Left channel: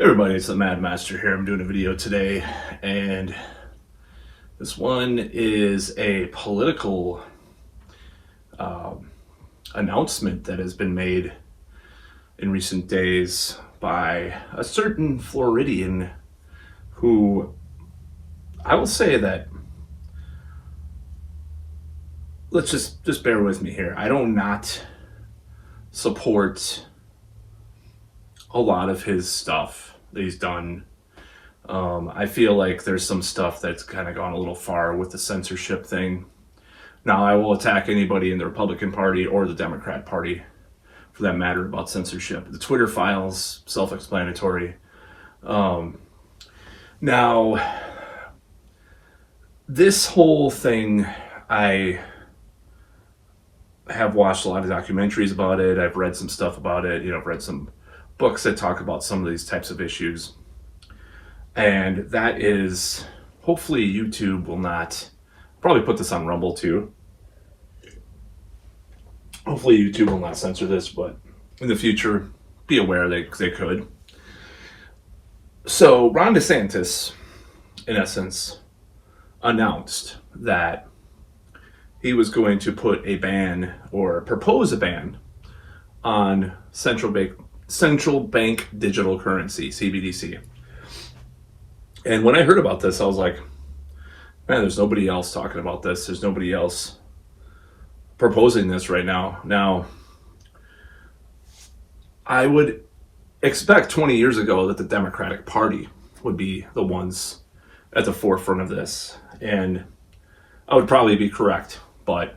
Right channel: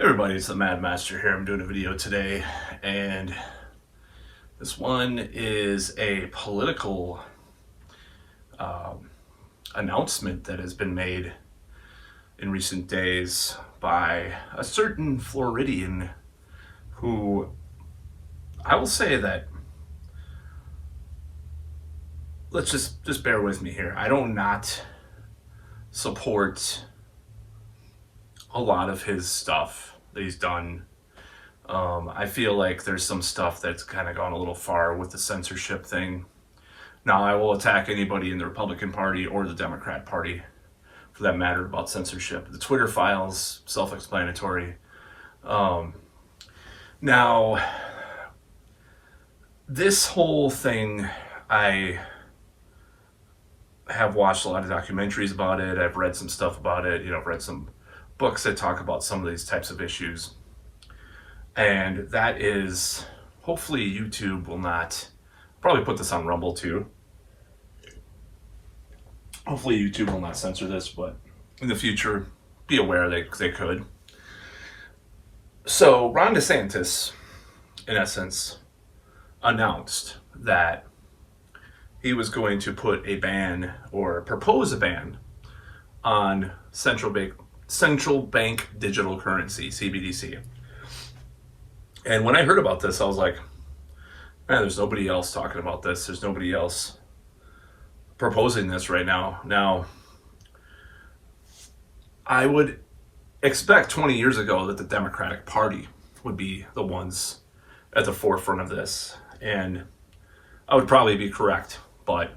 Hey everybody, it's the Mad Master here. I'm doing a video today, and this one is a political announcement that has been made in recent days by a certain Floridian who, I will say that, let's just bear with me here. I don't not support a lot of his stuff that he's done. I feel like there's some stuff that's kind of gone a little far with the censorship thing. Now, I will attack anybody in the Republican Party or the Democrat Party, for that matter, about censorship. The Twitter files, self-explanatory. Now, this whole thing, I have watched a lot of documentaries about it. I've read some stuff about it. I've read some books that talk about some of these types of issues. And that is, hopefully YouTube will not, probably put this on Rumble too. Hopefully YouTube will not censor this, but in the future, be aware they could. So Ron DeSantis, in essence, announced that he was going to put a ban, or propose a ban, on central bank digital currency, CBDC. And when I heard about this, I was like, man, there's nobody else talking about this. There's nobody else proposing this right now. Now, I would expect 20 years ago that the Democratic Party would be the ones at the forefront of this. And I would probably be correct. But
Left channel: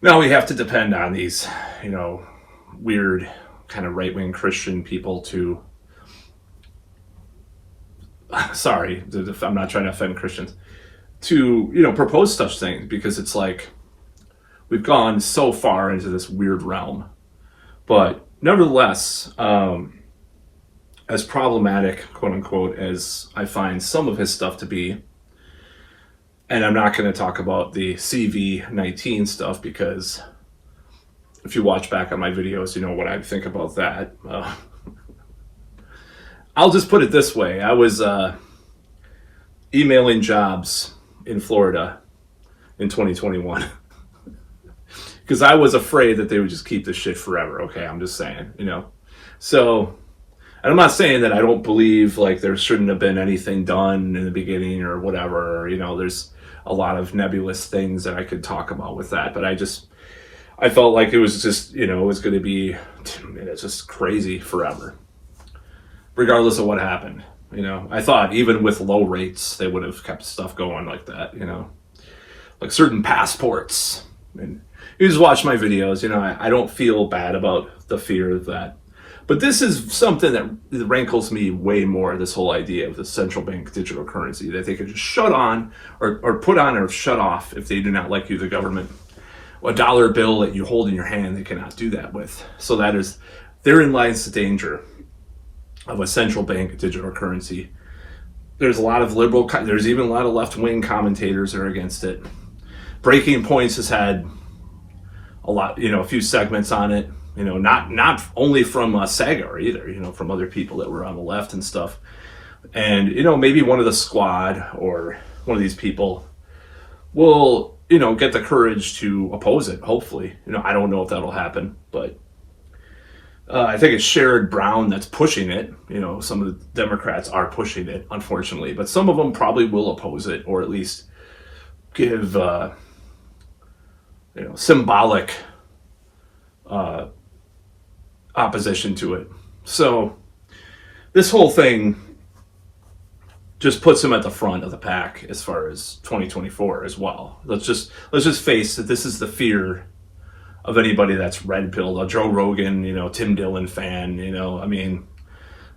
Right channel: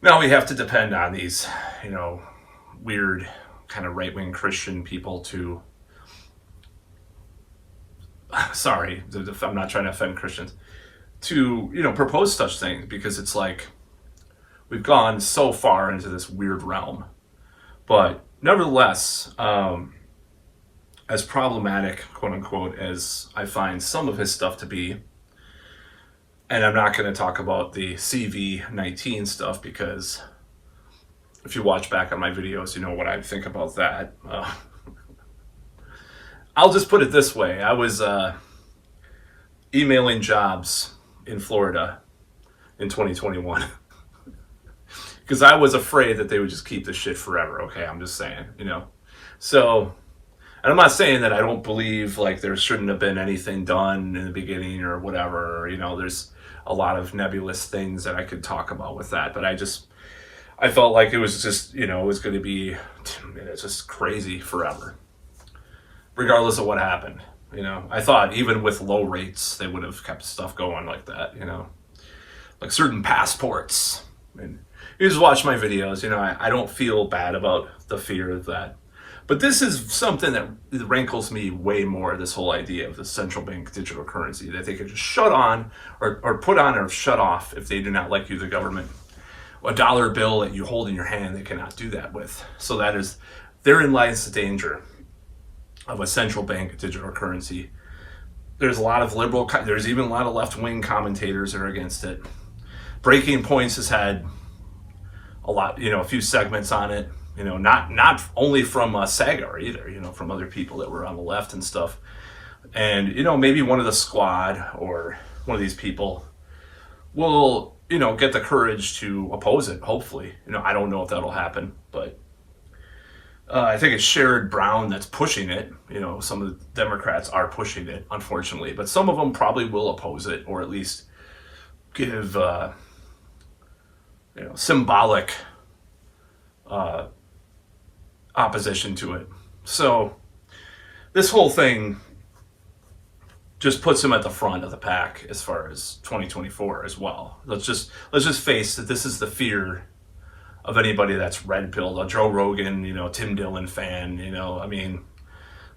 now we have to depend on these, weird kind of right-wing Christian people to, sorry, I'm not trying to offend Christians, to, propose such things, because it's like we've gone so far into this weird realm. But nevertheless, as problematic, quote unquote, as I find some of his stuff to be, and I'm not going to talk about the CV-19 stuff, because if you watch back on my videos, you know what I think about that. I'll just put it this way. I was emailing jobs in Florida in 2021 because I was afraid that they would just keep this shit forever. Okay, I'm just saying, So, and I'm not saying that I don't believe like there shouldn't have been anything done in the beginning or whatever. There's a lot of nebulous things that I could talk about with that, but I felt like it was just, it was going to be, it's just crazy forever, regardless of what happened. I thought even with low rates, they would have kept stuff going like that, like certain passports. And you just watch my videos, I don't feel bad about the fear of that. But this is something that rankles me way more, this whole idea of the central bank digital currency, that they could just shut on or put on or shut off if they do not like you, the government. A dollar bill that you hold in your hand, they cannot do that with. So therein lies the danger of a central bank digital currency. There's a lot of there's even a lot of left-wing commentators that are against it. Breaking Points has had a lot, a few segments on it, not only from Sagar either, from other people that were on the left and stuff. And, maybe one of the squad or one of these people will, get the courage to oppose it, hopefully. I don't know if that'll happen, but I think it's Sherrod Brown that's pushing it. Some of the Democrats are pushing it, unfortunately, but some of them probably will oppose it, or at least give, symbolic opposition to it. So this whole thing just puts him at the front of the pack as far as 2024 as well. Let's just face that this is the fear of anybody that's red-pilled, a Joe Rogan, Tim Dillon fan,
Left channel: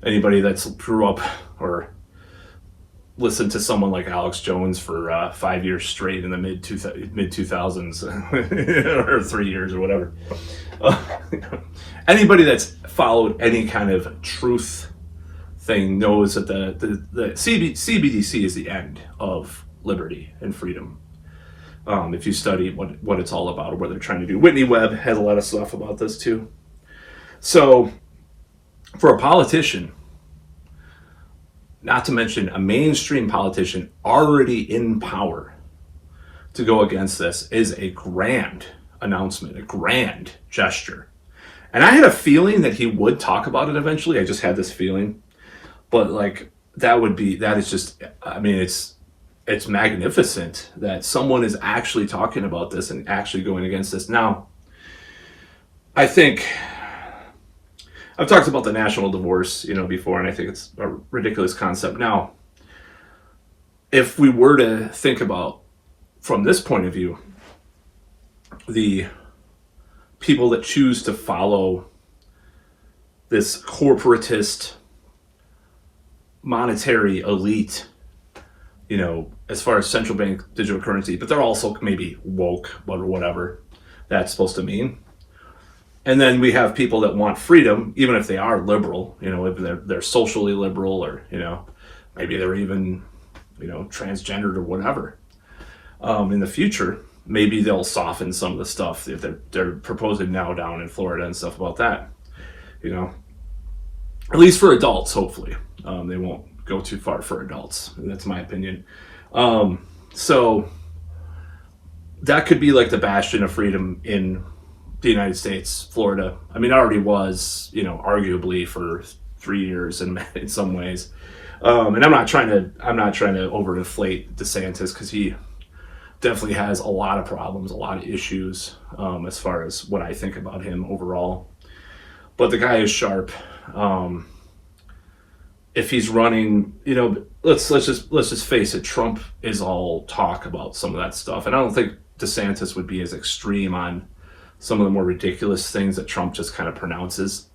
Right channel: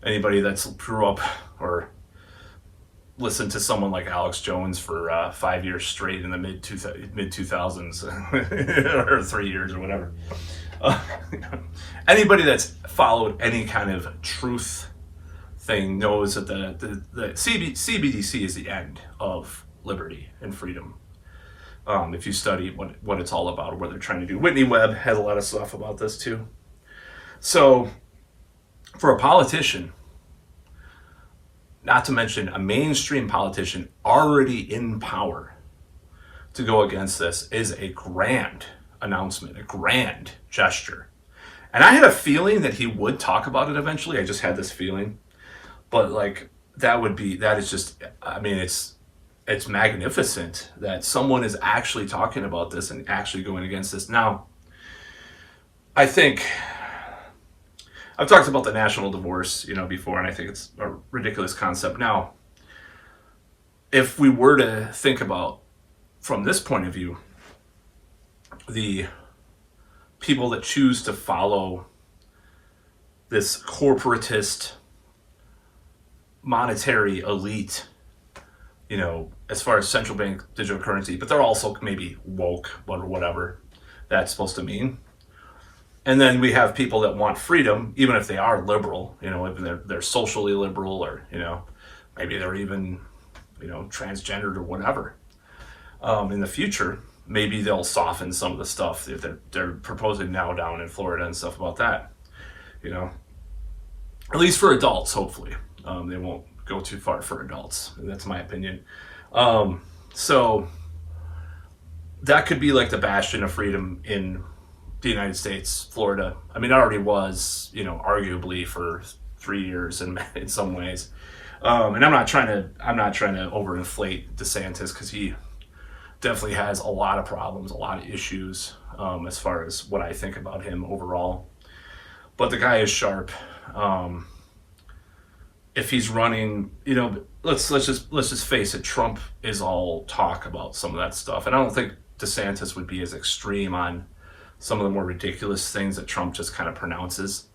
anybody that's grew up or listened to someone like Alex Jones for 5 years straight in the mid 2000s or 3 years or whatever. Anybody that's followed any kind of truth thing knows that the CBDC is the end of liberty and freedom. If you study what it's all about, or what they're trying to do. Whitney Webb had a lot of stuff about this too. So for a politician not to mention a mainstream politician already in power, to go against this is a grand announcement, a grand gesture. And I had a feeling that he would talk about it eventually. I just had this feeling. But like that is just, I mean, it's magnificent that someone is actually talking about this and actually going against this. Now, I think I've talked about the national divorce, before, and I think it's a ridiculous concept. Now, if we were to think about from this point of view, the people that choose to follow this corporatist monetary elite, as far as central bank digital currency, but they're also maybe woke or whatever that's supposed to mean. And then we have people that want freedom, even if they are liberal, if they're socially liberal, or, maybe they're even, transgendered or whatever. In the future, maybe they'll soften some of the stuff that they're proposing now down in Florida and stuff about that, at least for adults, hopefully. They won't go too far for adults. That's my opinion. So that could be like the bastion of freedom in the United States, Florida. I mean, it already was, arguably for 3 years in some ways. And I'm not trying to overinflate DeSantis, because he definitely has a lot of problems, a lot of issues, as far as what I think about him overall. But the guy is sharp. If he's running, let's just face it, Trump is all talk about some of that stuff. And I don't think DeSantis would be as extreme on some of the more ridiculous things that Trump just kind of pronounces.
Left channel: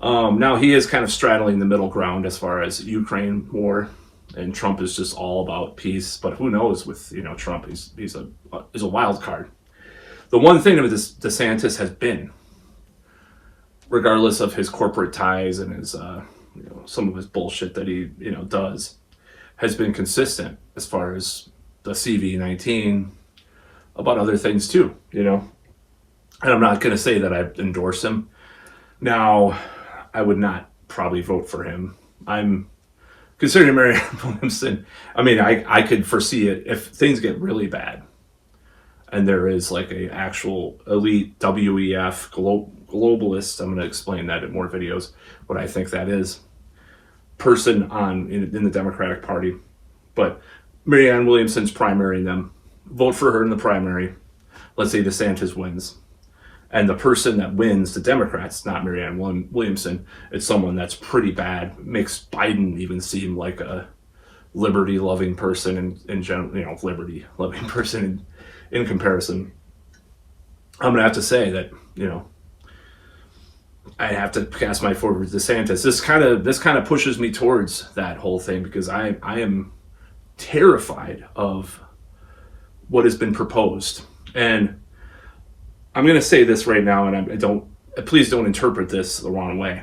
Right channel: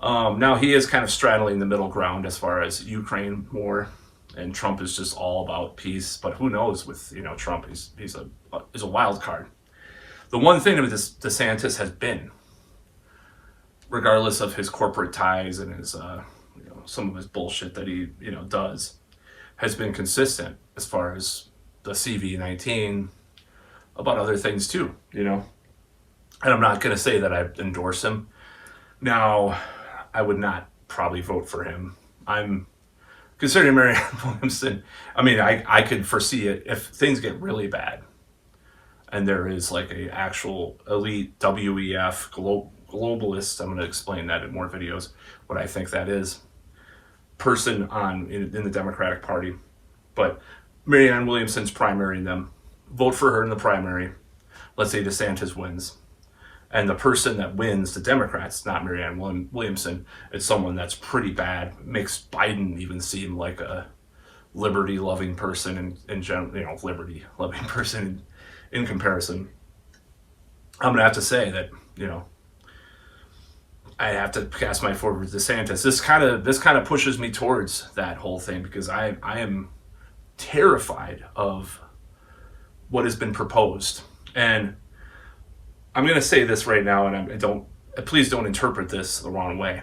Now he is kind of straddling the middle ground as far as Ukraine war, and Trump is just all about peace. But who knows with Trump? He's a wild card. The one thing with this DeSantis has been, regardless of his corporate ties and his some of his bullshit that he does, has been consistent as far as the CV-19, about other things too. And I'm not going to say that I endorse him. Now, I would not probably vote for him. I'm considering Marianne Williamson. I mean, I could foresee it if things get really bad, and there is like a actual elite WEF globalist. I'm going to explain that in more videos, what I think that is, person in the Democratic Party. But Marianne Williamson's primarying them. Vote for her in the primary. Let's say DeSantis wins. And the person that wins, the Democrats, not Marianne Williamson, it's someone that's pretty bad. Makes Biden even seem like a liberty-loving person in general, liberty-loving person in comparison. I'm gonna have to say that, I have to cast my vote with DeSantis. This kind of pushes me towards that whole thing, because I am terrified of what has been proposed. And I'm going to say this right now, and please don't interpret this the wrong way,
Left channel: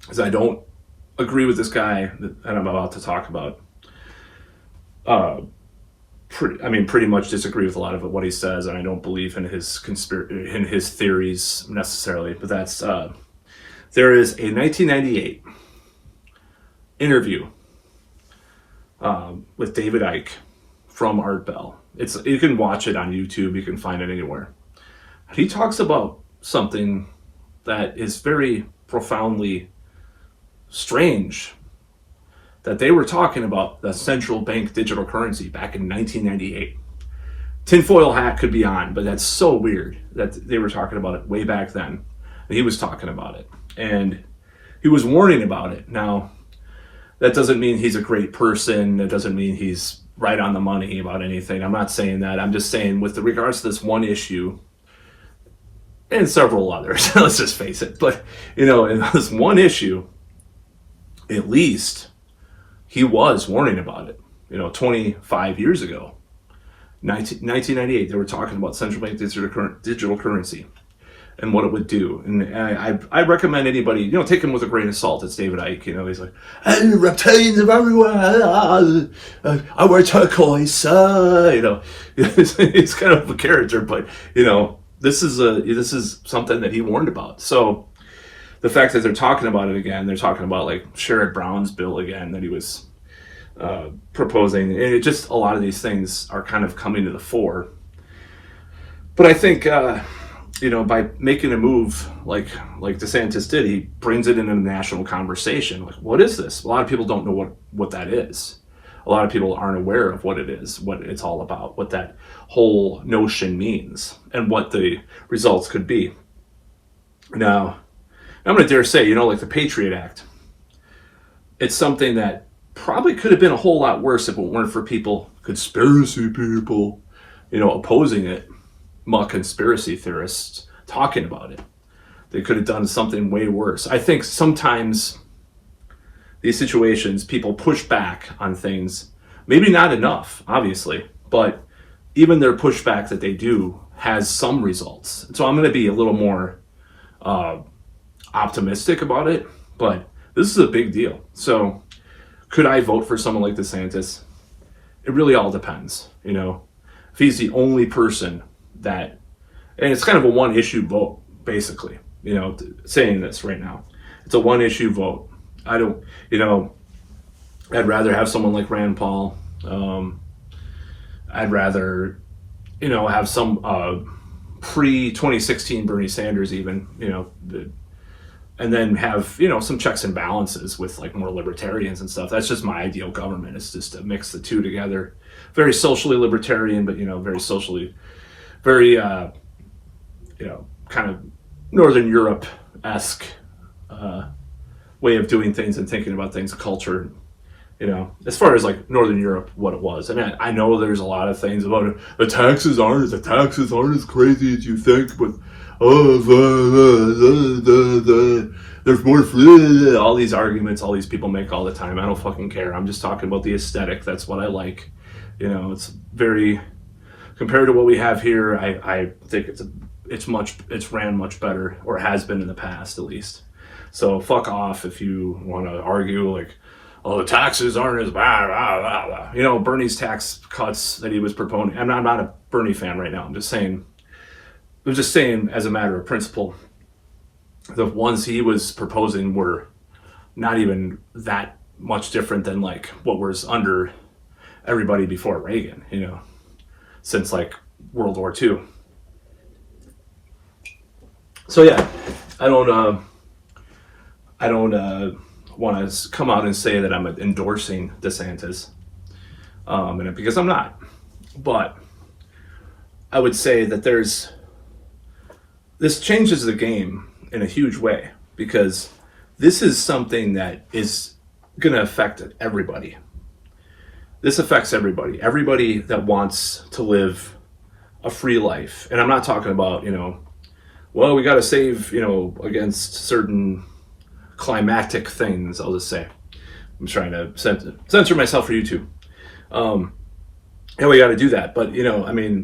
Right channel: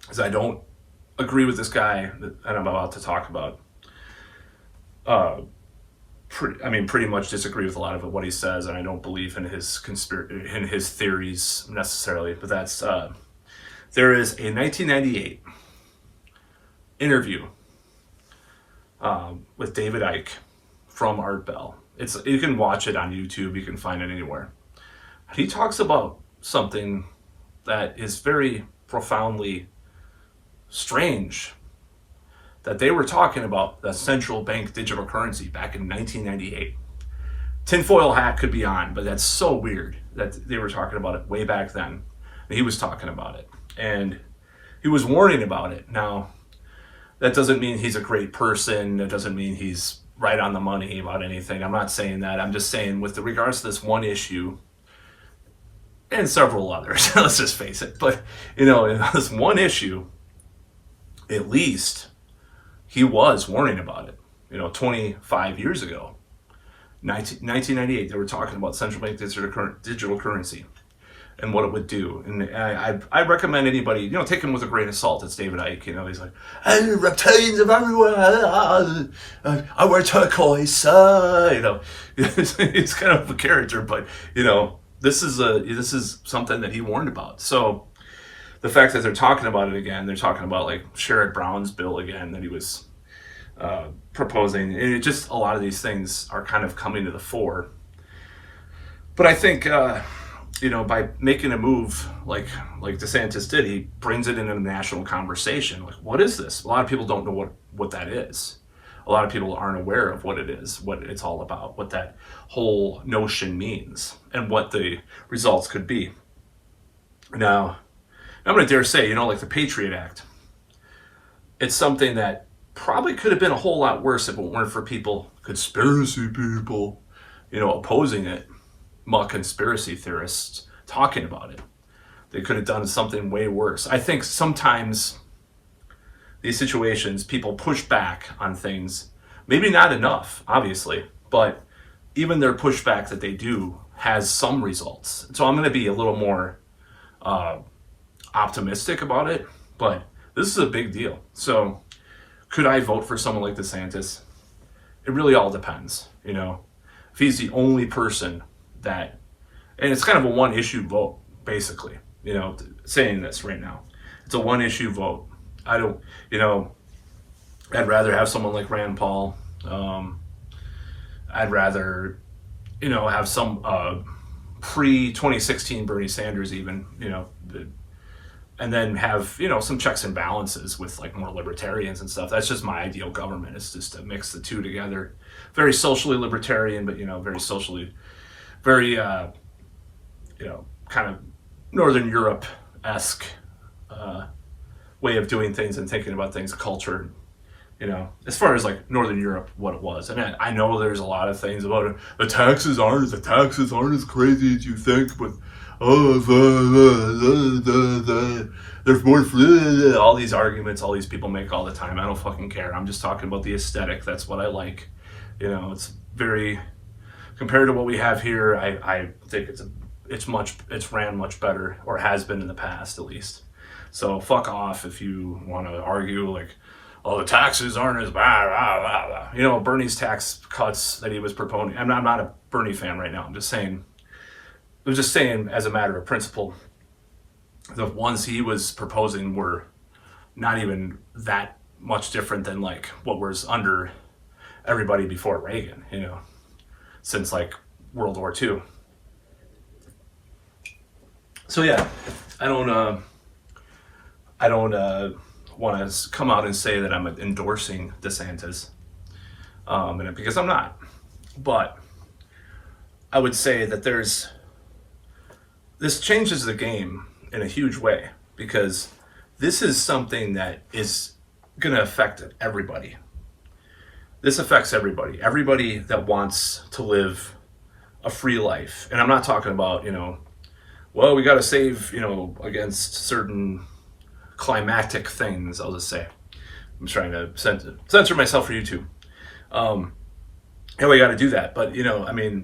because I don't agree with this guy that I'm about to talk about. Pretty much disagree with a lot of what he says, and I don't believe in his theories necessarily. But that's there is a 1998 interview with David Icke from Art Bell. You can watch it on YouTube. You can find it anywhere. He talks about something that is very profoundly strange, that they were talking about the central bank digital currency back in 1998. Tinfoil hat could be on, but that's so weird that they were talking about it way back then. He was talking about it, and he was warning about it. Now, that doesn't mean he's a great person. It doesn't mean he's right on the money about anything. I'm not saying that. I'm just saying with regards to this one issue, and several others, let's just face it. But, in this one issue, at least, he was warning about it. 25 years ago, 1998, they were talking about central bank digital currency and what it would do. And I recommend anybody, take him with a grain of salt. It's David Icke. He's like, hey, reptilians of everywhere. I wear turquoise. He's kind of a character, but, this is something that he warned about. So the fact that they're talking about it again, they're talking about like Sherrod Brown's bill again that he was proposing, and it just, a lot of these things are kind of coming to the fore. But I think by making a move like DeSantis did, he brings it into the national conversation. Like, what is this? A lot of people don't know what that is. A lot of people aren't aware of what it is, what it's all about, what that whole notion means, and what the results could be. Now, I'm going to dare say, like the Patriot Act, it's something that probably could have been a whole lot worse if it weren't for conspiracy people, opposing it, conspiracy theorists talking about it. They could have done something way worse. I think sometimes these situations, people push back on things, maybe not enough, obviously, but even their pushback that they do has some results. So I'm going to be a little more optimistic about it, but this is a big deal. So could I vote for someone like DeSantis? It really all depends, if he's the only person that, and it's kind of a one issue vote, basically, saying this right now. It's a one issue vote. I don't, I'd rather have someone like Rand Paul. I'd rather, have some pre-2016 Bernie Sanders even, and then have, some checks and balances with like more libertarians and stuff. That's just my ideal government. It's just to mix the two together. Very socially libertarian, but, very socially, very, kind of Northern Europe-esque way of doing things and thinking about things, culture, as far as like Northern Europe, what it was. And I know there's a lot of things about it. The taxes aren't as crazy as you think, but there's more, all these arguments all these people make all the time. I don't fucking care. I'm just talking about the aesthetic. That's what I like. It's very, compared to what we have here, I think it's ran much better, or has been in the past at least. So fuck off if you want to argue like, oh, the taxes aren't as bad, Bernie's tax cuts that he was proposing. I'm not a Bernie fan right now. I'm just saying as a matter of principle, the ones he was proposing were not even that much different than like what was under everybody before Reagan, since like World War II. So yeah, I don't want to come out and say that I'm endorsing DeSantis, because I'm not. But I would say that this changes the game in a huge way, because this is something that is going to affect everybody. This affects everybody. Everybody that wants to live a free life. And I'm not talking about, we got to save, against certain climactic things, I'll just say. I'm trying to censor myself for YouTube. And we got to do that. But,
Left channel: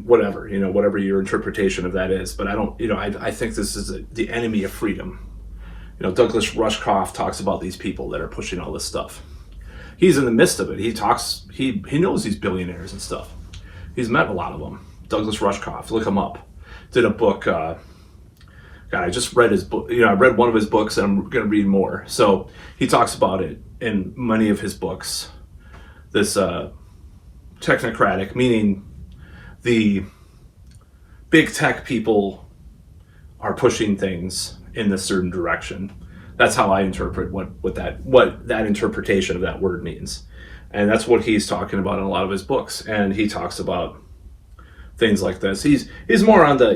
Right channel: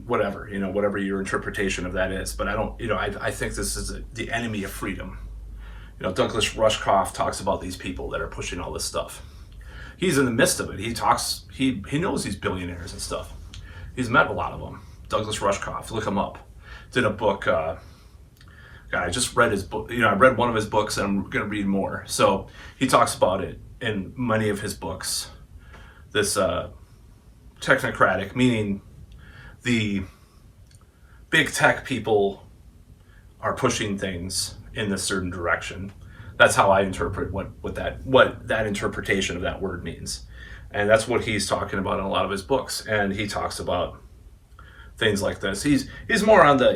whatever, whatever your interpretation of that is. But I don't, I think this is the enemy of freedom. Douglas Rushkoff talks about these people that are pushing all this stuff. He's in the midst of it. He knows these billionaires and stuff. He's met a lot of them. Douglas Rushkoff, look him up. Did a book, God, I just read his book. I read one of his books, and I'm going to read more. So he talks about it in many of his books. This technocratic, meaning the big tech people are pushing things in a certain direction. That's how I interpret what that interpretation of that word means, and that's what he's talking about in a lot of his books. And he talks about things like this. He's more on the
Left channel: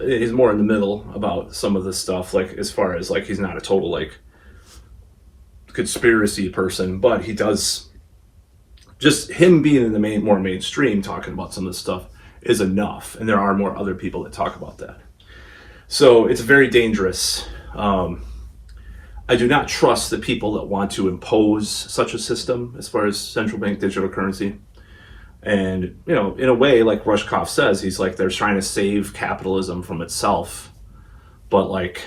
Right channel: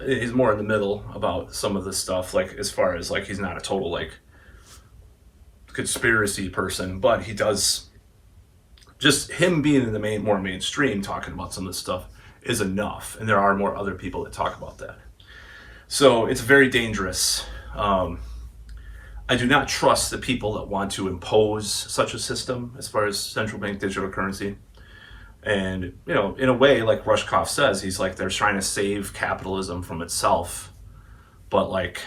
he's more in the middle about some of the stuff, like as far as like he's not a total like conspiracy person, but he does, just him being in the more mainstream talking about some of this stuff is enough, and there are more other people that talk about that. So it's very dangerous. I do not trust the people that want to impose such a system as far as central bank digital currency. And, in a way, like Rushkoff says, he's like, they're trying to save capitalism from itself, but like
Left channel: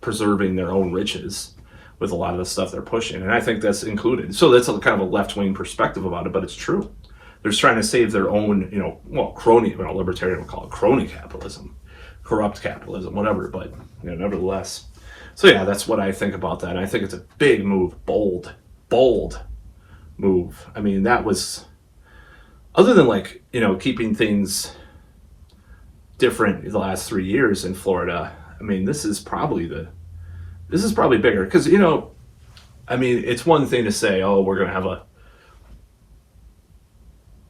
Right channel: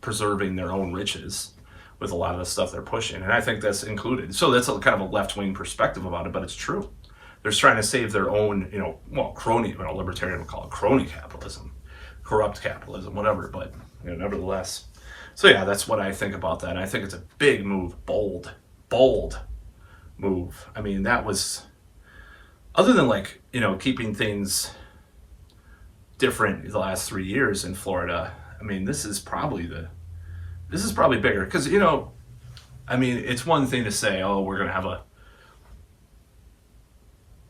preserving their own riches with a lot of the stuff they're pushing. And I think that's included. So that's kind of a left-wing perspective about it, but it's true. They're trying to save their own, crony, libertarian would call it crony capitalism, corrupt capitalism, whatever. But, nevertheless, So yeah, that's what I think about that. And I think it's a big move, bold move. I mean, that was, other than like, keeping things different the last 3 years in Florida. I mean, this is probably bigger because, I mean, it's one thing to say, oh, we're going to have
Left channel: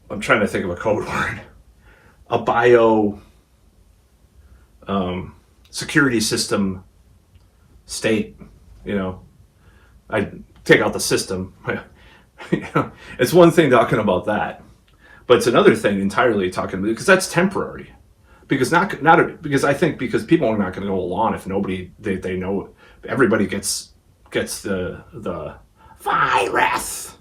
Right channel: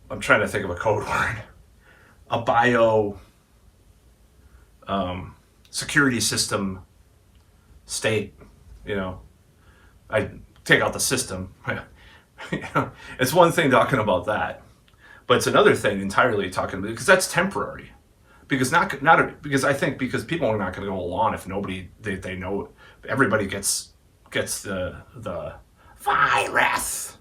I'm trying to think of a code word, a bio security system state, I take out the system. It's one thing talking about that, but it's another thing entirely talking about, because that's temporary. Because because I think because people are not going to go along if nobody they know, everybody gets the virus.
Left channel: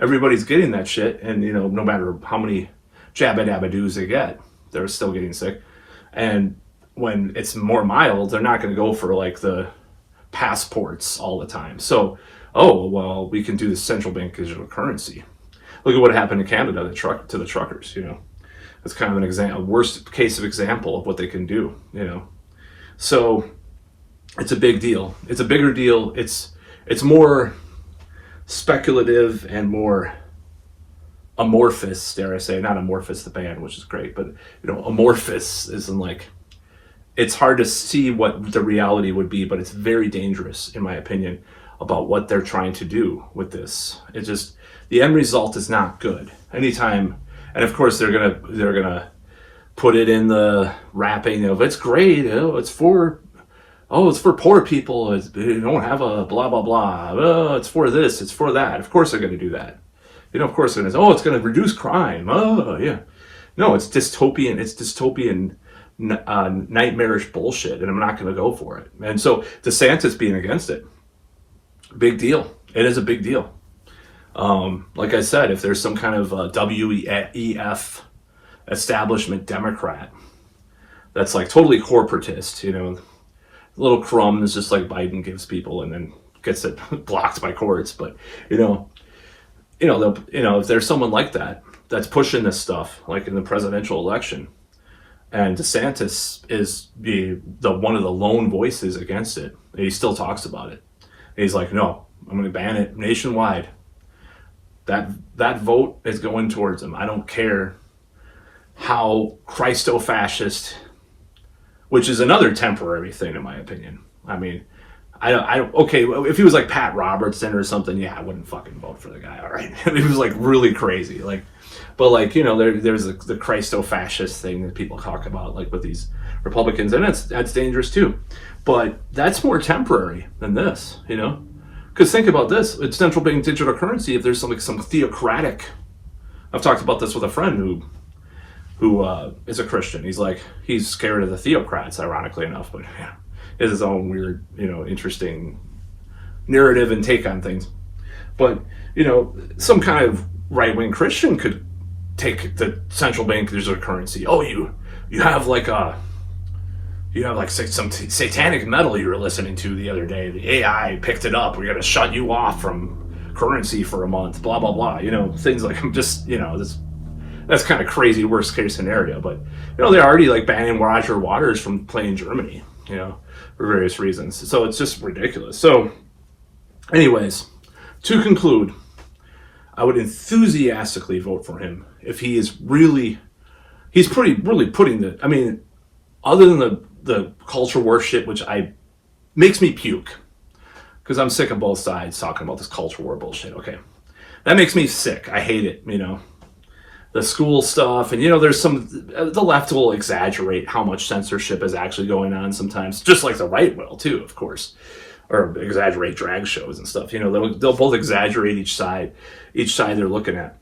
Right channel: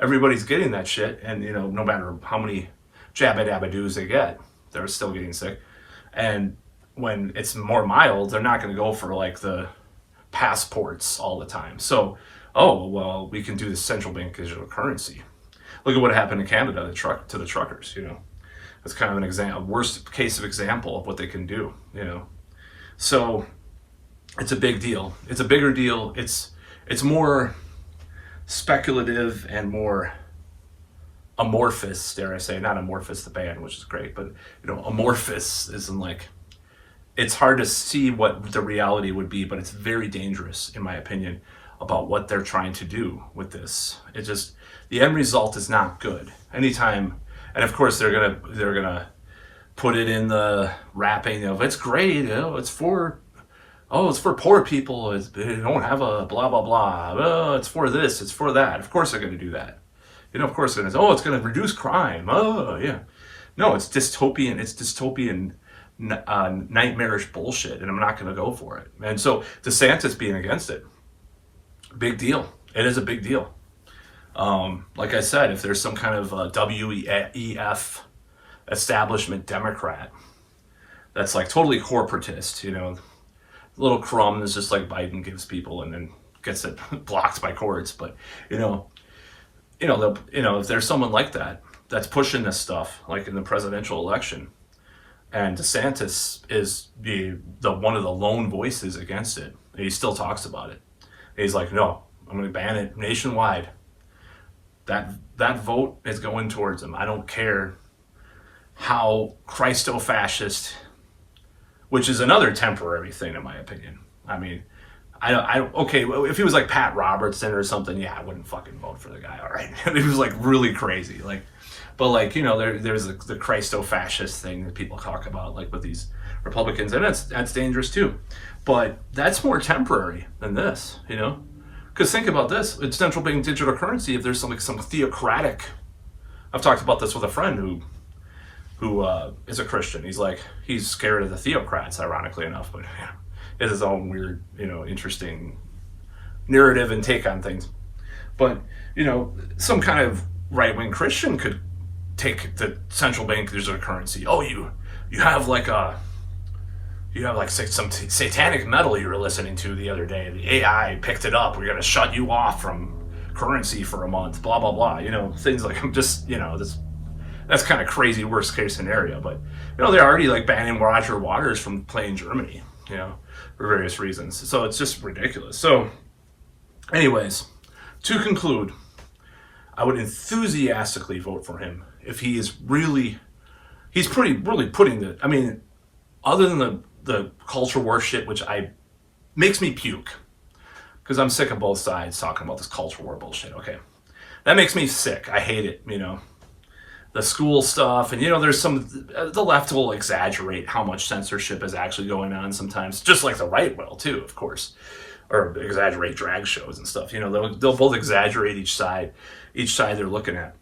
Everybody's getting that shit, and no matter how many jabba dabba doos they get, they're still getting sick. And when it's more mild, they're not going to go for like the passports all the time. So, oh well, we can do the central bank digital currency. Look at what happened in Canada to the truckers. It's kind of a worst case of example of what they can do. So it's a big deal. It's a bigger deal. It's more speculative and more amorphous, dare I say, not Amorphous the band, which is great, but amorphous isn't like, it's hard to see what the reality would be, but it's very dangerous, in my opinion, about what they're trying to do with this. It's just, the end result is not good. Anytime, and of course they're gonna put it in the wrapping of, it's great, it's for poor people, they don't have a blah blah blah, it's for this, it's for that. Of course they're gonna do that. Of course it's gonna reduce crime. Oh yeah. No, it's dystopian, nightmarish bullshit, and I'm not gonna go for it. And so DeSantis being against it, big deal. It is a big deal. Like I said, if there's some kind of WEF establishment Democrat that's like totally corporatist, little crumbs just like Biden gives people and then gets it blocked by courts. But if there's someone like that that's pushing this stuff, like in the presidential election, and DeSantis is the one of the lone voices against it, he still talks about it. He's like, no, I'm going to ban it nationwide. That vote is going towards him. I don't care how Christo-fascist, which is another temporary thing in my opinion. I mean, okay, if he was like Pat Robertson or something, yeah, I wouldn't fucking vote for the guy, all right? He was like really crazy, but there's the Christo-fascist thing that people talk about, like with these Republicans, and that's dangerous too. But that's more temporary than this, Because think about this, it's central bank digital currency. If there's some theocratic, I've talked about this with a friend who is a Christian. He's scared of the theocrats, ironically enough, but it is his own weird, interesting narrative and take on things. But some kind of right-wing Christian could take the central bank digital currency. Oh, you have some satanic metal you were listening to the other day. The AI picked it up. We're going to shut you off from currency for a month, blah, blah, blah. Things like, that's kind of crazy worst case scenario. But, they're already banning Roger Waters from playing Germany, for various reasons. So it's just ridiculous. So anyways, to conclude, I would enthusiastically vote for him if he is really putting other than the culture war shit, which makes me puke, because I'm sick of both sides talking about this culture war bullshit. Okay, that makes me sick. I hate it. The school stuff, and there's the left will exaggerate how much censorship is actually going on sometimes, just like the right will too, of course, or exaggerate drag shows and stuff. They'll both exaggerate each side they're looking at.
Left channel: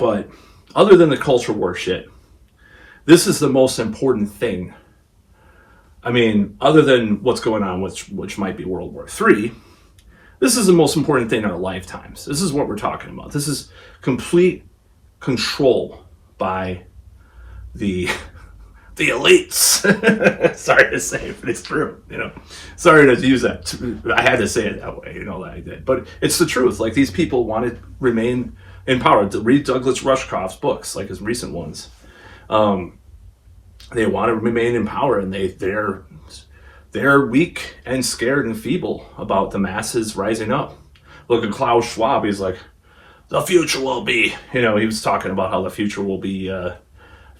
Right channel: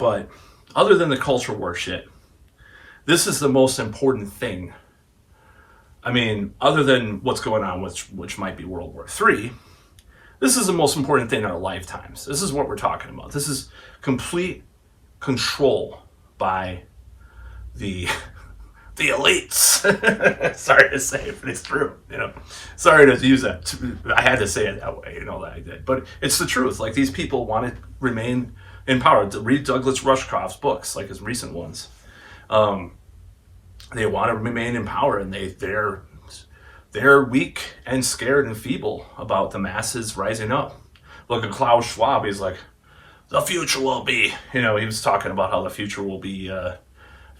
But other than the culture war shit, this is the most important thing. Other than what's going on, which might be World War III, this is the most important thing in our lifetimes. This is what we're talking about. This is complete control by the elites. Sorry to say it, but it's true. Sorry to use that. I had to say it that way. That I did, but it's the truth. These people want to remain in power. Read Douglas Rushkoff's books, like his recent ones. They want to remain in power, and they're weak and scared and feeble about the masses rising up. Look at Klaus Schwab. He's like, the future will be, he was talking about how the future will be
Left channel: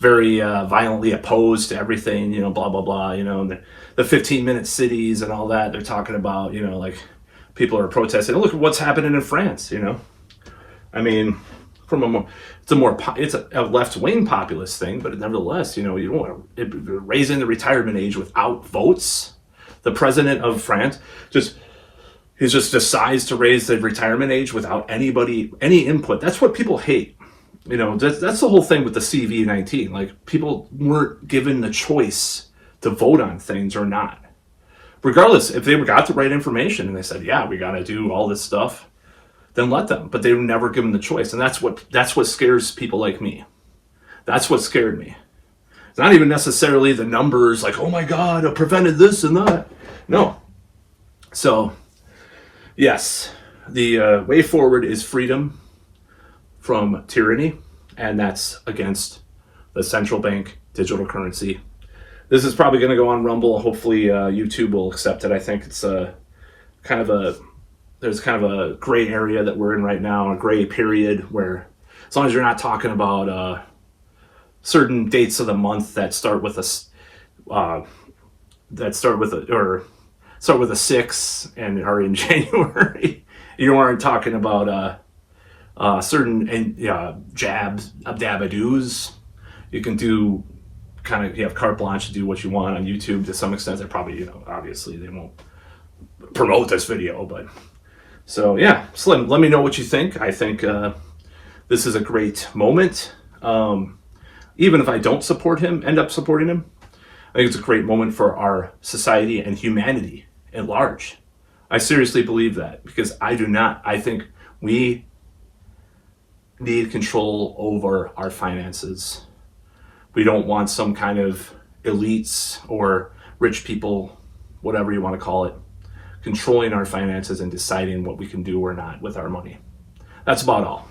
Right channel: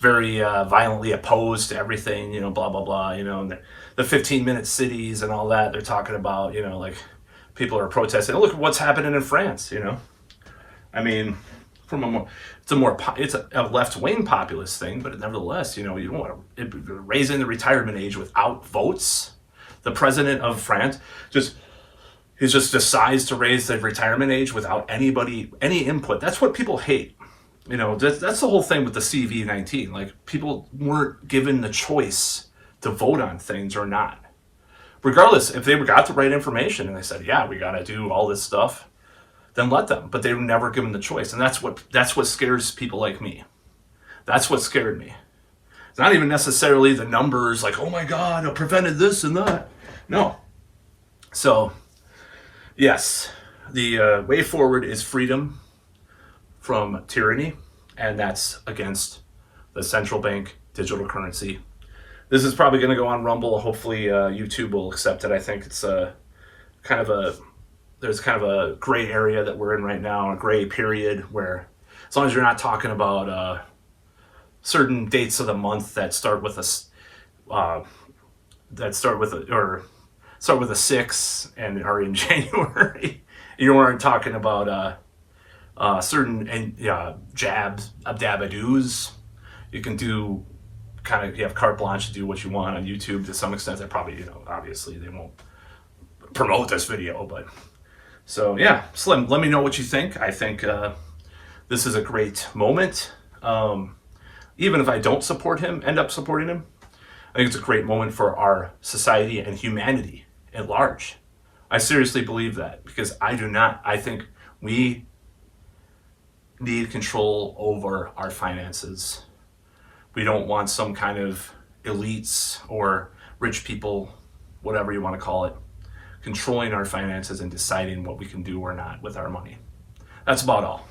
very violently opposed to everything, blah, blah, blah, and the 15-minute cities and all that. They're talking about, like people are protesting. Look at what's happening in France, I mean, it's a left-wing populist thing, but nevertheless, you don't want to raising the retirement age without votes. The president of France he just decides to raise the retirement age without any input. That's what people hate. That's the whole thing with the CV-19. Like, people weren't given the choice to vote on things or not. Regardless, if they got the right information and they said, yeah, we got to do all this stuff, then let them. But they were never given the choice. And that's what scares people like me. That's what scared me. It's not even necessarily the numbers like, oh my God, I prevented this and that. No. So, yes, the way forward is freedom from tyranny, and that's against the central bank digital currency. This is probably going to go on Rumble. Hopefully YouTube will accept it. I think it's there's kind of a gray area that we're in right now, a gray period where as long as you're not talking about certain dates of the month that start with a 6 and are in January, you aren't talking about certain dabadoos. You can do you have carte blanche to do what you want on YouTube to some extent. They probably, obviously they won't promote this video, but so yeah, Slim, let me know what you think. I think this is a great moment. Even if I don't end up supporting him, I think it's a great moment for our society and humanity at large. I seriously believe that, because I do not. I think we need control over our finances. We don't want some kind of elites or rich people, whatever you want to call it, controlling our finances and deciding what we can do or not with our money. That's about all.